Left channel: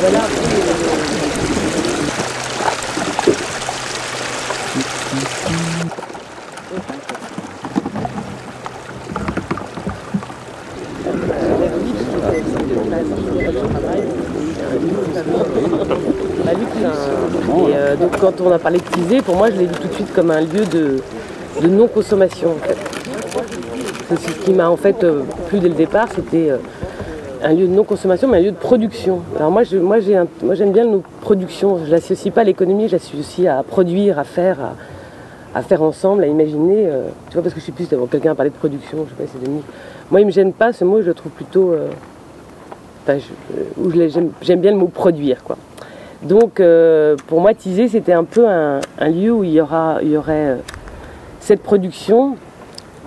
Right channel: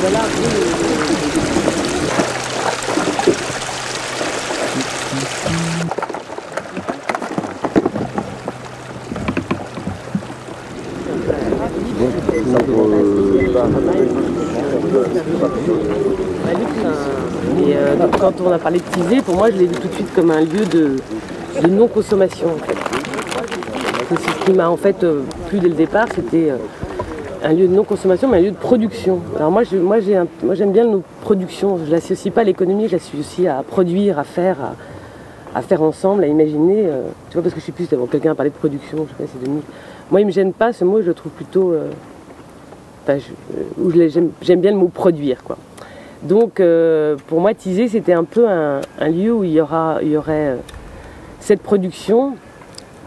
Voilà. Et donc quand on a parlé de Tizé, pour moi je l'ai vu tout de suite comme un lieu de non-consommation en fait. C'est ce qui m'a en fait plu dès le départ, c'était un lieu de non-consommation mais un lieu de production. Alors moi j'aime bien le mot production, je l'associe pas à l'économie, je l'associe à produire, à faire ensemble, à imaginer, tu vois, parce que je suis plus d'avoir quelqu'un à parler de production, je sais pas si c'est Dominique. Moi il me gêne pas, ce mot je le trouve plutôt, j'aime bien le mot produire quoi. Donc pour moi Tizé c'était un peu un lieu où il y aurait cette production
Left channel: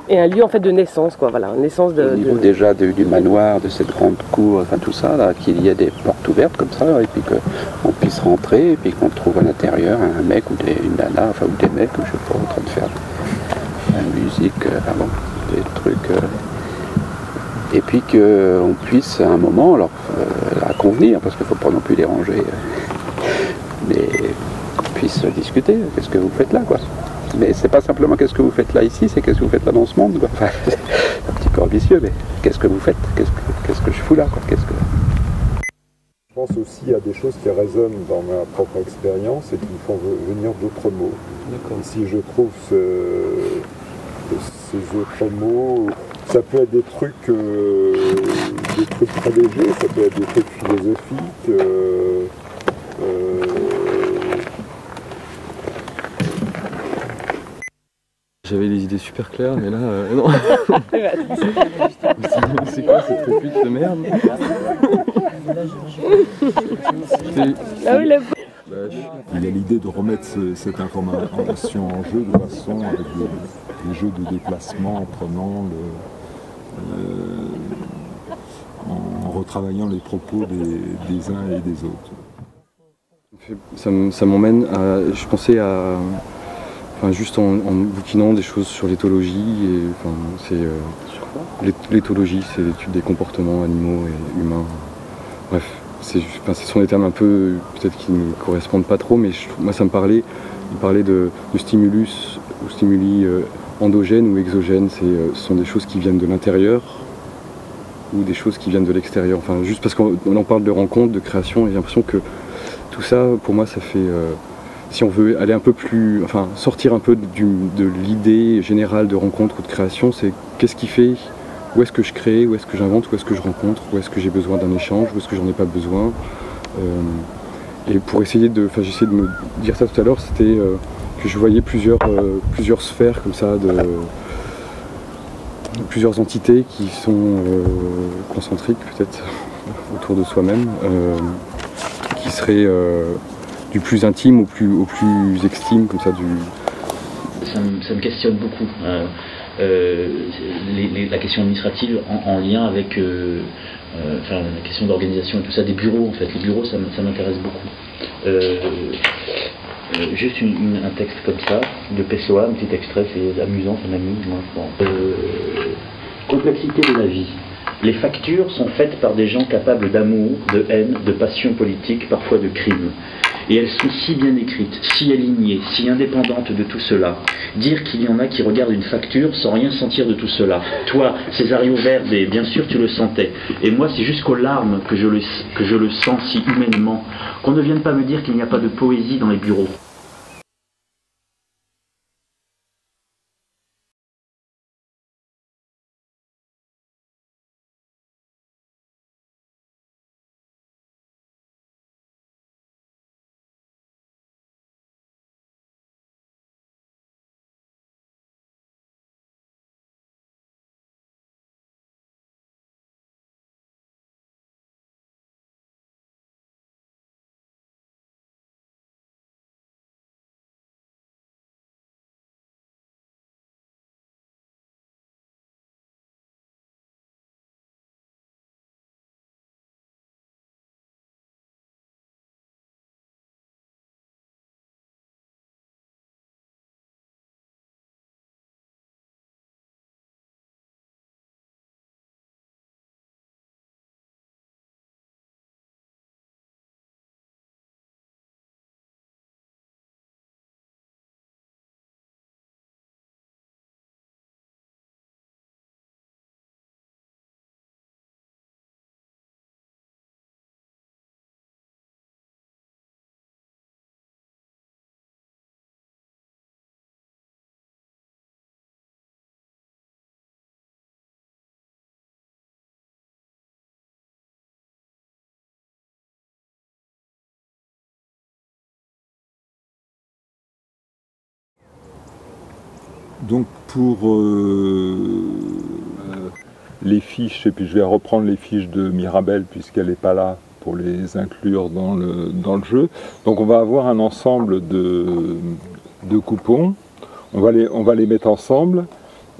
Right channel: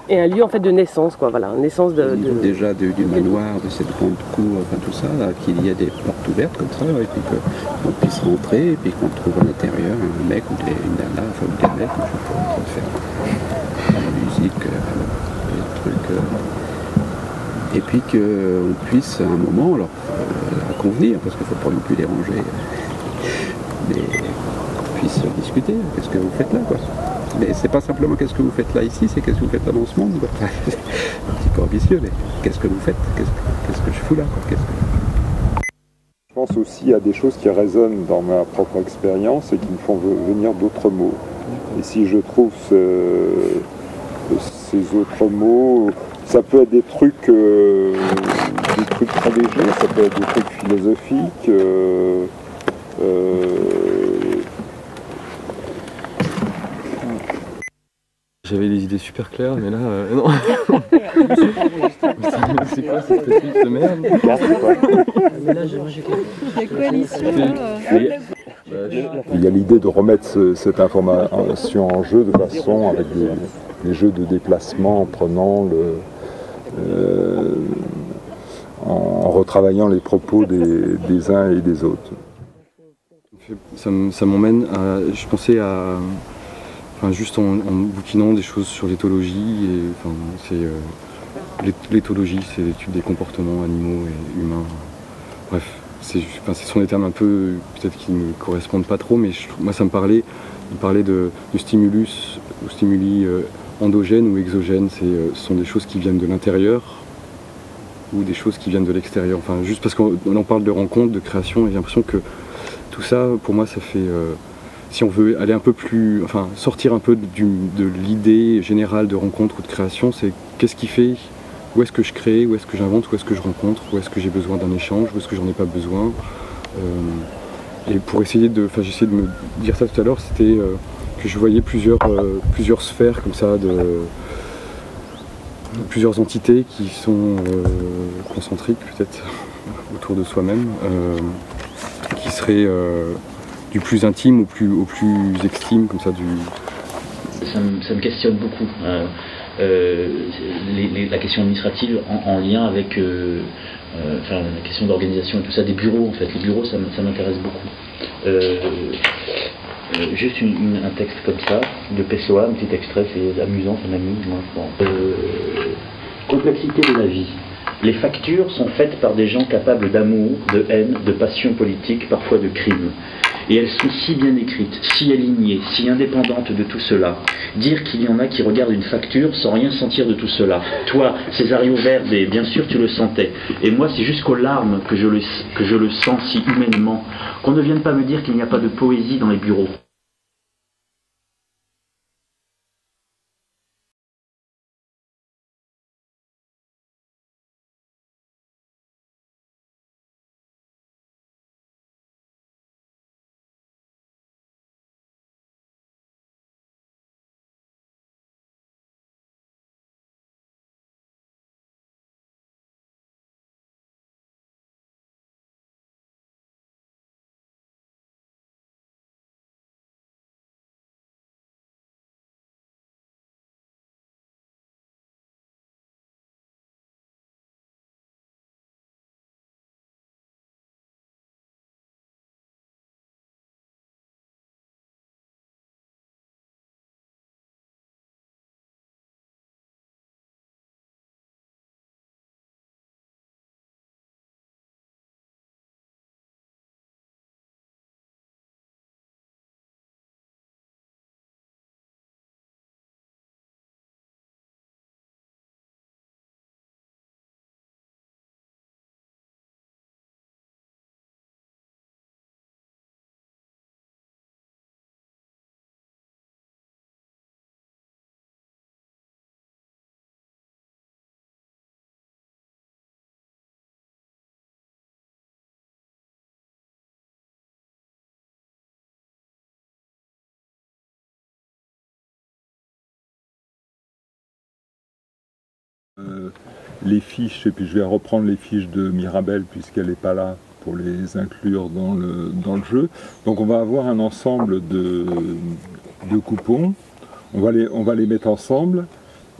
et un lieu en fait de naissance quoi, voilà, naissance Au niveau déjà du manoir, de cette grande cour, enfin tout ça, là, qu'il y ait des portes ouvertes comme ça, et puis qu'on puisse rentrer, et puis qu'on trouve à l'intérieur un mec ou une nana, enfin ou des mecs, je sais pas, en train de faire la musique, des trucs. Et puis qu'on puisse à un moment, alors à convenir, parce qu'il ne faut pas non plus déranger, mais qu'on puisse discuter, qu'est-ce que vous faites là quoi. Mais c'est pas simplement qu'est-ce que vous faites là ici, c'est qu'est-ce que vous faites là dans ce monde quoi. Enfin, c'est un petit peu ambitieux, mais qu'est-ce que vous faites, qu'est-ce que je fous là quoi. Je pense aussi à des choses qui résonnent dans ma propre expérience et qui me font venir d'autres mots. Et si je trouve ces autres mots, ça peut être des trucs très légers, ça peut être des trucs philosophiques. J'avais des idées super claires, mais là, non. C'est quoi cette réplique de merde? Il y a l'idée de remettre cette information en jeu de façon avec des jeux de déplacement en prenant en retravaillant les propos des uns et des autres. Ça m'emmène à. Je pensais à. Enfin, juste en bouquinant des choses sur l'éthologie, et enfin, l'éthologie, c'est l'étude des comportements animaux et humains. Bref, ce sont des termes un peu, peut-être qui ne me correspondent pas trop, mais moi ça me parlait, il parlait de stimulus ou stimuli endogènes ou exogènes, ce sont des choses qui viennent de l'intérieur ou des choses qui viennent de l'extérieur. Enfin, juste parce qu'on en parle de rencontre, de création, et j'ai l'impression que tout ça, pour moi, ça fait... si on veut aller un peu plus, enfin sortir un peu de l'idée générale de rencontre ou de création, c'est qu'est-ce qui fait, où est-ce que je crée, où est-ce que j'invente, où est-ce que je rencontre, où est-ce que j'ai besoin d'un échange, où est-ce que j'en ai pas besoin. Et pour essayer de, enfin j'essayais de me dire ça tout à l'heure, c'était que je voyais plusieurs sphères comme ça, plusieurs entités qui sont concentriques peut-être autour de soi-même, qui seraient du plus intime au plus extrême, comme ça, Ça me questionne beaucoup. La question administrative en lien avec la question d'organisation et tout ça, des bureaux en fait. Les bureaux, ça m'intéresse beaucoup. Juste un texte comme ça, de Pessoa, un petit extrait, c'est amusant, ça m'amuse, moi je pense. Complexité de la vie. Les factures sont faites par des gens capables d'amour, de haine, de passion politique, parfois de crime. Et elles sont si bien écrites, si alignées, si indépendantes de tout cela. Dire qu'il y en a qui regardent une facture sans rien sentir de tout cela. Toi, Césario Verde, bien sûr tu le sentais. Et moi, c'est jusqu'aux larmes que je le sens si humainement. Qu'on ne vienne pas me dire qu'il n'y a pas de poésie dans les bureaux. Donc pour les fiches, et puis je vais reprendre les fiches de Mirabel puisqu'elle n'est pas là pour les inclure dans le jeu. Donc on va avoir un ensemble de coupons, on va les mettre ensemble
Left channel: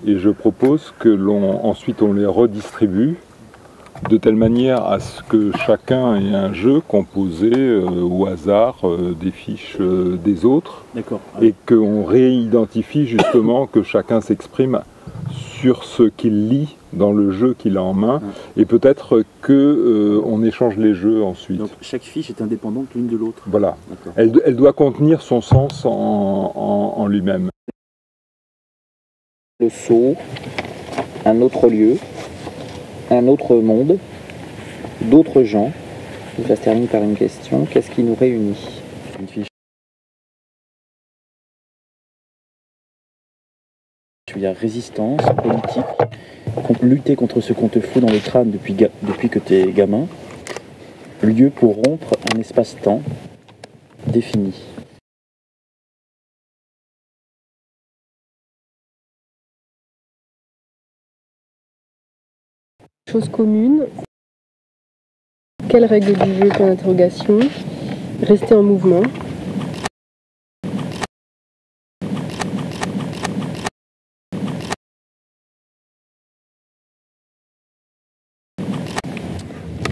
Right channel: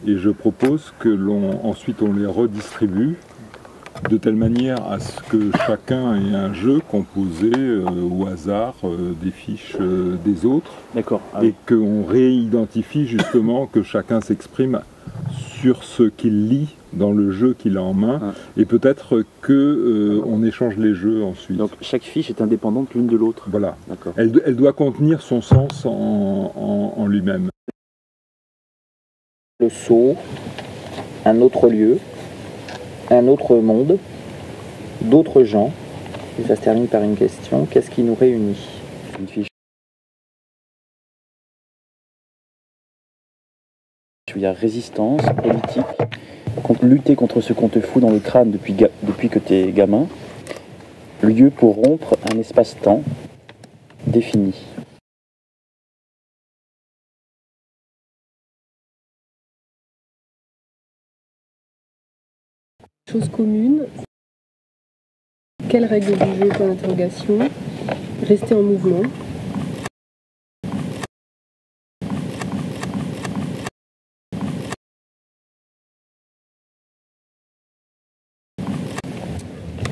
et je propose que ensuite on les redistribue de telle manière à ce que chacun ait un jeu composé au hasard des fiches des autres. D'accord. Et qu'on réidentifie justement, que chacun s'exprime sur ce qu'il lit dans le jeu qu'il a en main, et peut-être qu'on échange les jeux ensuite. Donc chaque fiche est indépendante l'une de l'autre. Voilà. Elle doit contenir son sens en lui-même. Le saut, un autre lieu, un autre monde, d'autres gens. Et ça se termine par une question. Qu'est-ce qui nous réunit? Une fiche. Il y a résistance, politique, lutter contre ce qu'on te fout dans le crâne depuis que t'es gamin. Lieu pour rompre un espace-temps défini. Chose commune. Quelles règles du jeu? Point d'interrogation. Rester en mouvement.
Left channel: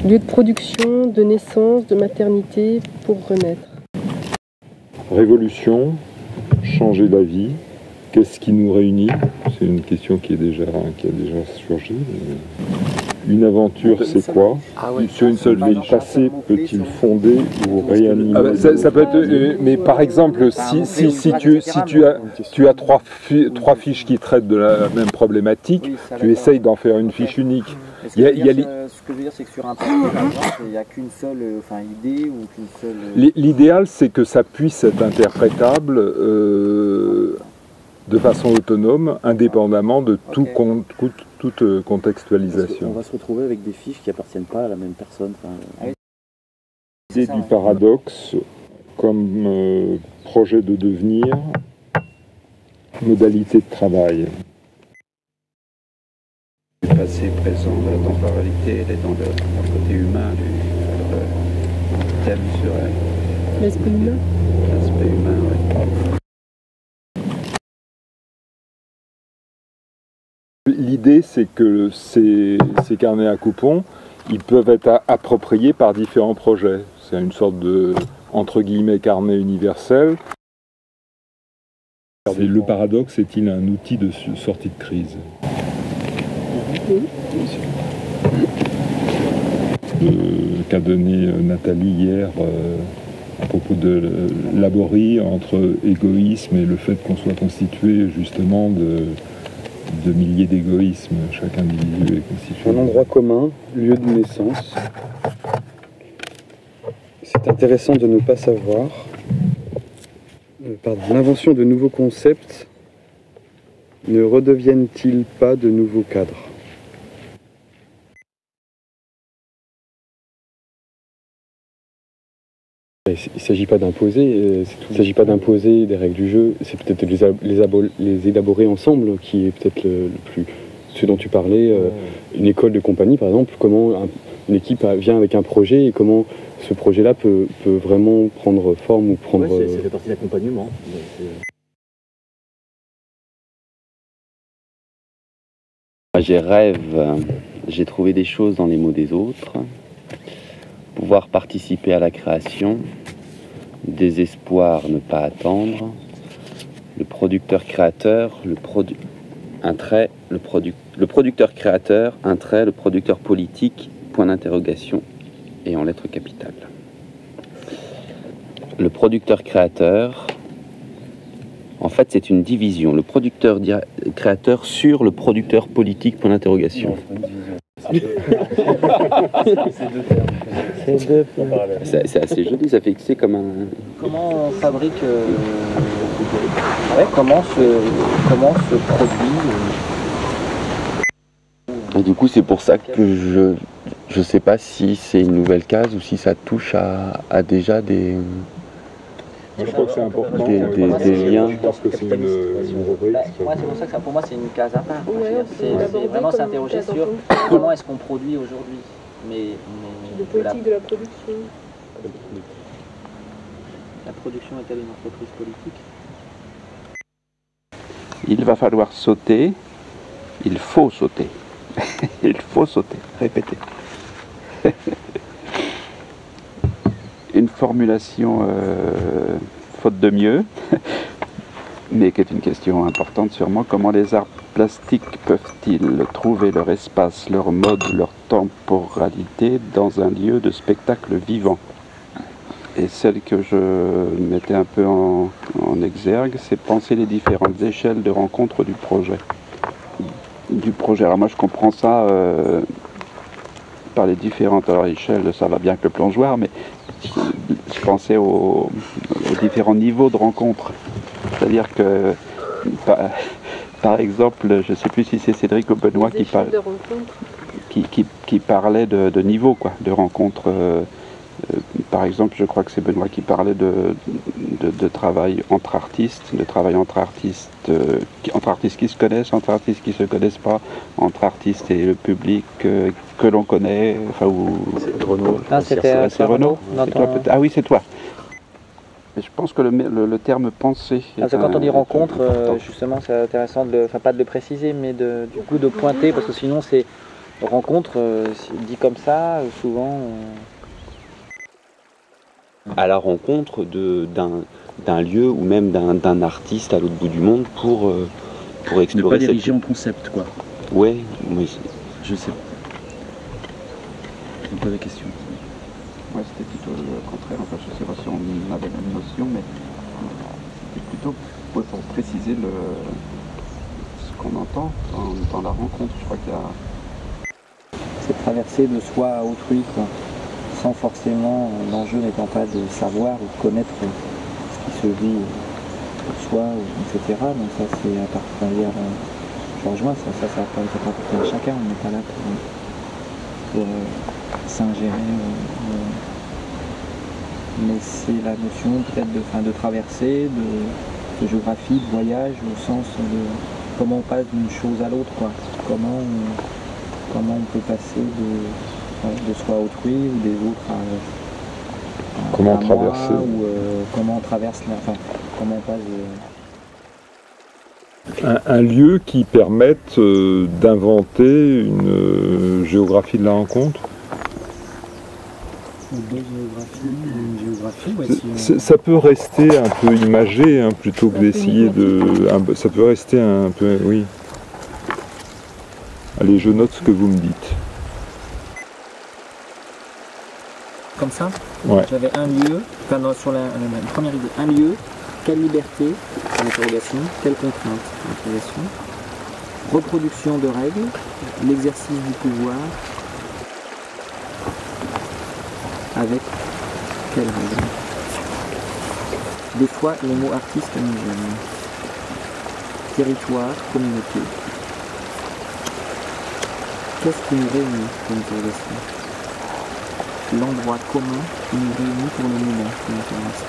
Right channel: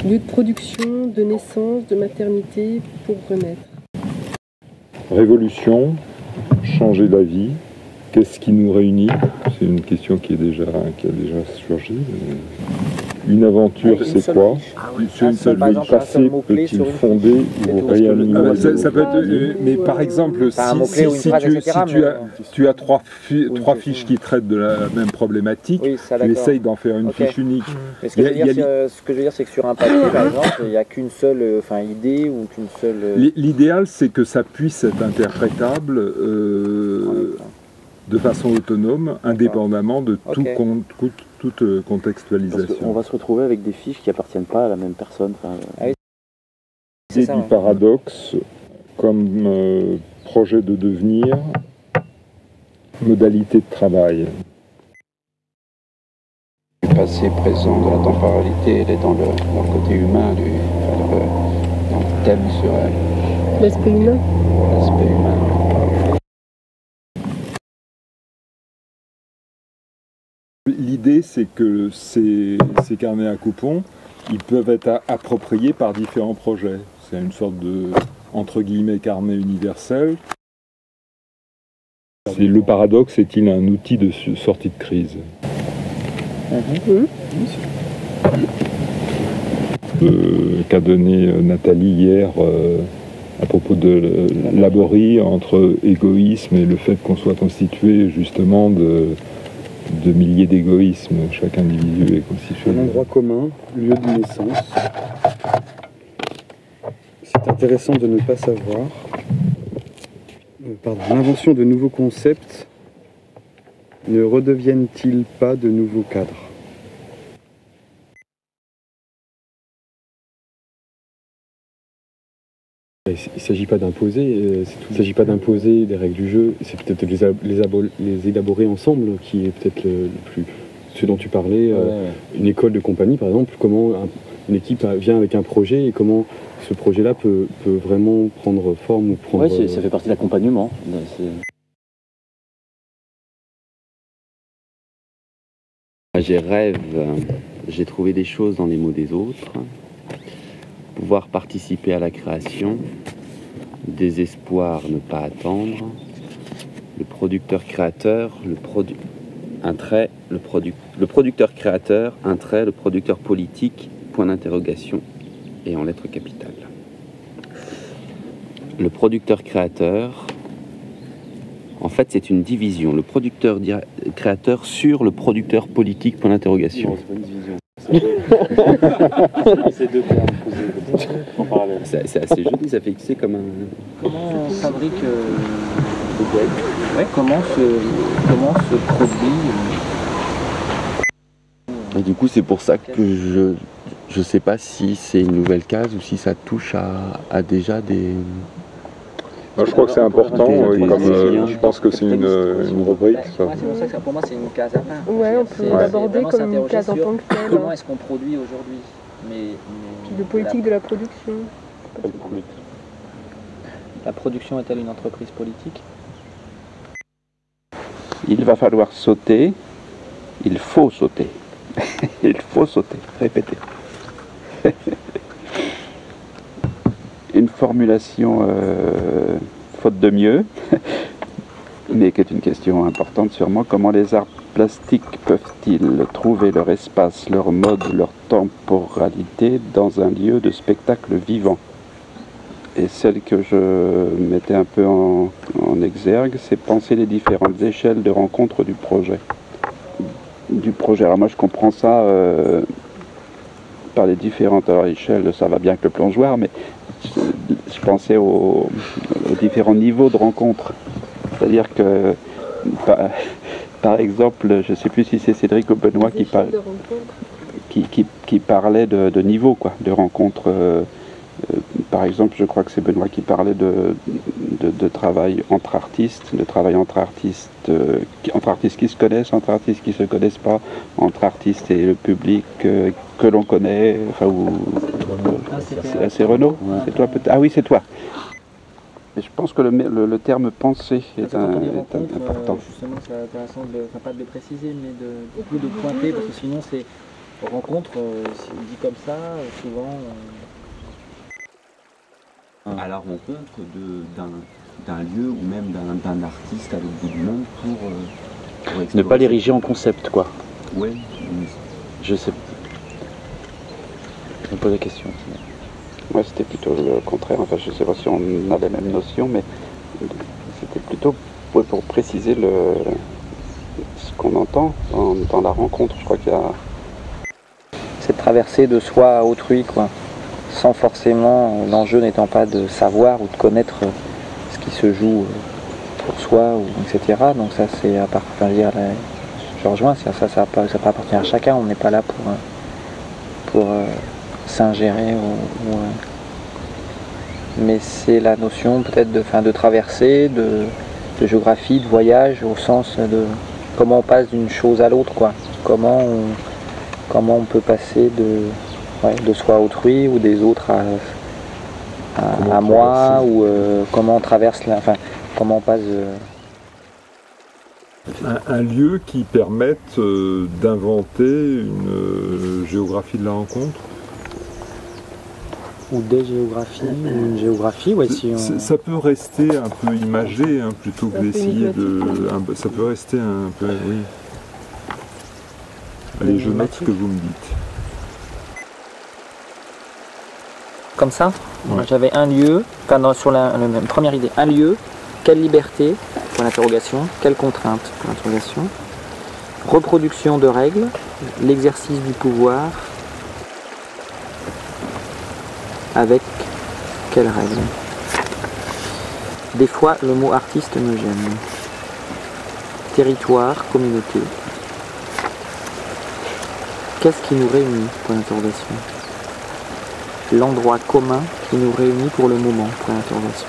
Lieu de production, de naissance, de maternité pour renaître. Révolution, changer la vie. Qu'est-ce qui nous réunit? C'est une question qui a déjà surgi. Une aventure, c'est quoi? Sur une seule vie. Passé peut-il fonder ou réanimer? Ça peut être. Mais par exemple, si tu as trois fiches qui traitent de la même problématique, tu essayes d'en faire une fiche unique. Ce que je veux dire, c'est que sur un papier, par exemple, il n'y a qu'une seule idée ou qu'une seule. L'idéal, c'est que ça puisse être interprétable de façon autonome, indépendamment de toute contextualisation. On va se retrouver avec des fiches qui n'appartiennent pas à la même personne. L'idée du paradoxe comme projet de devenir, modalité de travail. Le passé, présent, de la temporalité, elle est dans le côté humain, dans le thème sur L'aspect humain. l'aspect humain. L'idée, c'est que ces carnets à coupons, ils peuvent être appropriés par différents projets. C'est une sorte de, entre guillemets, carnet universel. Le paradoxe est-il un outil de sortie de crise? Qu'a donné Nathalie hier à propos de Laborie, entre égoïsme et le fait qu'on soit constitué justement de milliers d'égoïsmes. Chaque individu est constitué. Un endroit commun, lieu de naissance. C'est intéressant de ne pas savoir. L'invention de nouveaux concepts ne redeviennent-ils pas de nouveaux cadres? Il ne s'agit pas d'imposer, il ne s'agit pas d'imposer des règles du jeu, c'est peut-être les élaborer ensemble qui est peut-être le plus... Ce dont tu parlais, une école de compagnie par exemple, comment une équipe vient avec un projet et comment ce projet-là peut vraiment prendre forme ou prendre... Ouais, ça fait partie de l'accompagnement. J'ai rêve, j'ai trouvé des choses dans les mots des autres. Pouvoir participer à la création, désespoir, ne pas attendre, le producteur créateur, un trait, le producteur créateur, un trait, le producteur politique, point d'interrogation, et en lettres capitales. Le producteur créateur, en fait c'est une division, le producteur créateur sur le producteur politique, point d'interrogation. C'est assez joli, ça fait que c'est comme un... Comment on fabrique comment se produit Et du coup c'est pour ça que je sais pas si c'est une nouvelle case ou si ça touche à déjà des je crois que c'est important. Des liens. Je pense que c'est une rubrique. Ouais, c'est pour ça que pour moi c'est une case à part. Ouais, C'est vraiment s'interroger sur comment est-ce qu'on produit aujourd'hui. Mais de politique de la production. la production est-elle une entreprise politique? Il va falloir sauter. Il faut sauter. Il faut sauter. Répétez. Une formulation faute de mieux, mais qui est une question importante sûrement. Comment les arts plastiques peuvent-ils trouver leur espace, leur mode, leur temporalité dans un lieu de spectacle vivant? Et celle que je mettais un peu en exergue, c'est penser les différentes échelles de rencontre du projet. Alors moi je comprends ça par les différentes échelles, ça va bien avec le plongeoir, mais je pensais aux différents niveaux de rencontre. C'est-à-dire que, par exemple, je ne sais plus si c'est Cédric ou Benoît qui parlait de niveau, quoi, de rencontre. Par exemple, je crois que c'est Benoît qui parlait de travail entre artistes, entre artistes qui se connaissent, entre artistes qui ne se connaissent pas, entre artistes et le public que l'on connaît. Enfin, c'est Renaud. C'est toi peut-être. Ah oui, c'est toi. Mais je pense que le terme penser est quand on dit rencontre, justement, c'est intéressant pas de le préciser, mais du coup de pointer, parce que sinon c'est rencontre, dit comme ça, souvent. À la rencontre d'un lieu ou même d'un artiste à l'autre bout du monde pour explorer. Ne pas l'ériger en concept, quoi. Oui, oui. Je sais. Je me pose la question. Ouais, c'était plutôt le contraire. Enfin, je ne sais pas si on a les mêmes notions, mais c'était plutôt pour préciser ce qu'on entend dans la rencontre. Je crois qu'il y a. C'est traverser de soi à autrui, quoi. Sans forcément, l'enjeu n'étant pas de savoir ou de connaître ce qui se joue pour soi, etc. Donc ça, c'est à partir, je rejoins, ça appartient à chacun. On n'est pas là pour s'ingérer. Mais c'est la notion peut-être de traversée, de géographie, de voyage, au sens de comment on passe d'une chose à l'autre, quoi. Comment on peut passer de soi à autrui ou des autres à moi, ou comment on traverse, comment on passe. Un lieu qui permette d'inventer une géographie de la rencontre. Ou des géographies, une géographie, ouais, si on... Ça peut rester un peu imagé, hein, plutôt que d'essayer de... Ça peut rester un peu... Oui. Allez, je note ce que vous me dites. Comme ça, ouais. J'avais un lieu, sur la première idée, un lieu, quelle liberté, interrogation, quelle contrainte, interrogation, reproduction de règles, l'exercice du pouvoir, avec quelles règles? Des fois, le mot artiste nous gêne. Territoire, communauté. Qu'est-ce qui nous réunit, point d'interrogation? L'endroit commun qui nous réunit pour le moment, point d'interrogation.